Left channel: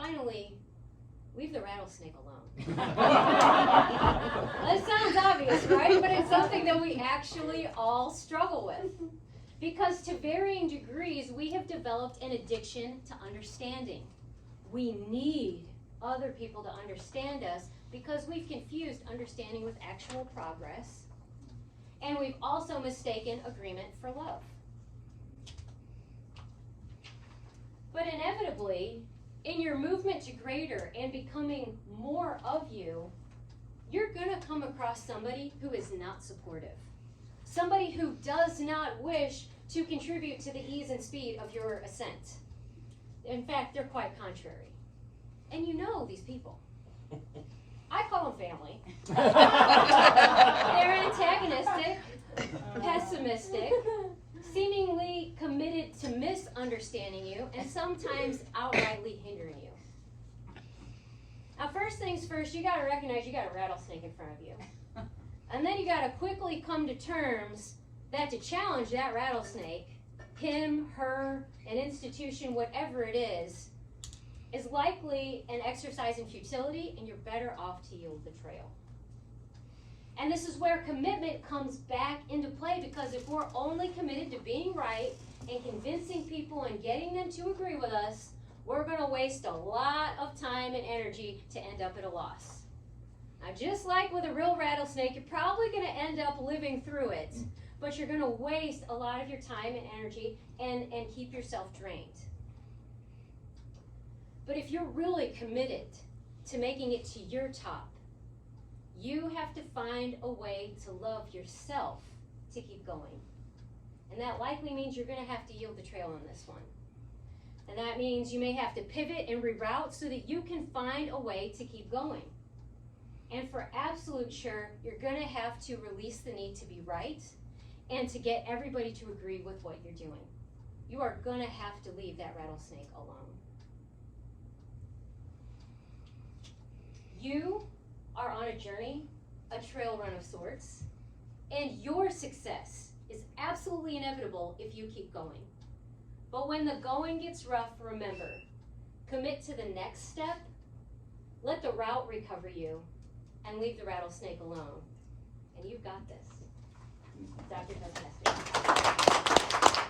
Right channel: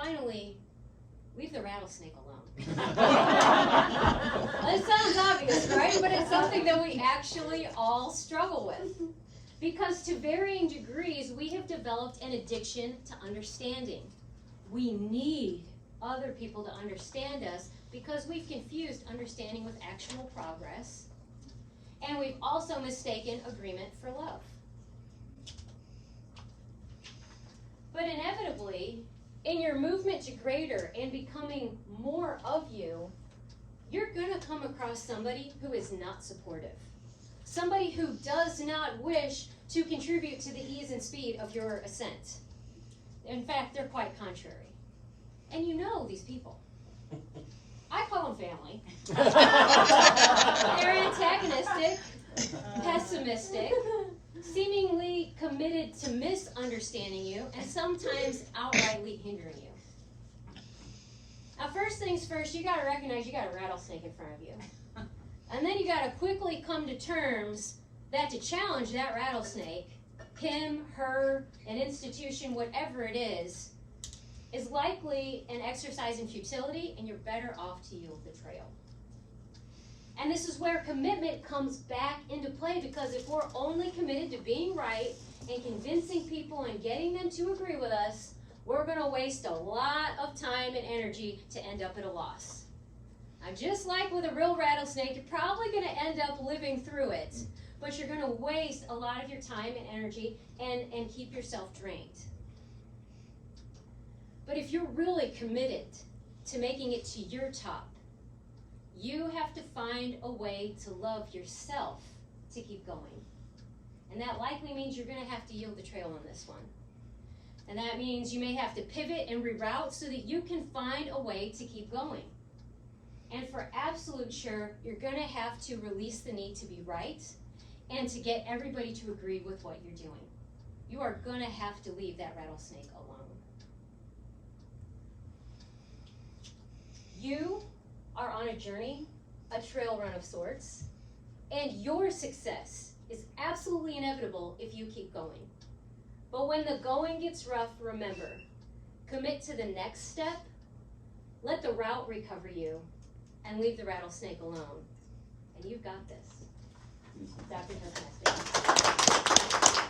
finally, leave the rattlesnake alone. It sounds obvious, right? But it's something that we actually all struggle with. Because to varying degrees, we have developed an addiction to understanding. We need other people to understand us because we've confused understanding with actual progress. And we've also mistaken agreement for love. But inevitably, in your movement to greater and becoming more of you, you're going to come across somebody who is not supportive. Somebody who does not wish to contribute to the ease and speed of your ascent. In fact, they're quite contrary. And you know these people. I call them family. They're antagonistic, pessimistic, seemingly committed to misunderstanding you, and sometimes outrightly hindering you. Now, first things first, you got to recognize you got a rattlesnake in front of you. And then you got to quickly come to terms that to challenge that rattlesnake, him, her, an institution, whatever it is likely an exercise in futility, and you're better off to yield the trail. And this is where commitment comes back into play, because if we're only committed to being right and convincing people and getting them to agree with us, we're going to waste a lot of time and energy to end up at a loss. Now, just like with a real rattlesnake, you're probably going to end up living through it, but you're going to waste a lot of your time and energy and keep yourself drained. But if you're really committed to making it to your top, you have to find a way to love yourself to keep going. And that likely means you're going to have to yield the trail on this one. And that means you may have to pivot and reroute so that you can find a way to keep going. And for absolute sure, you're going to have to release the need to be right and to get everybody to agree with what you're doing. You are going to have to leave that rattlesnake alone. You are on a journey, a trail run of sorts, and your success is absolutely inevitable if you keep going. But when the going gets rough, remember, commit to the next step, let the route recover you, and leave the rattlesnake alone. And you've got this. Dr. Fantastic.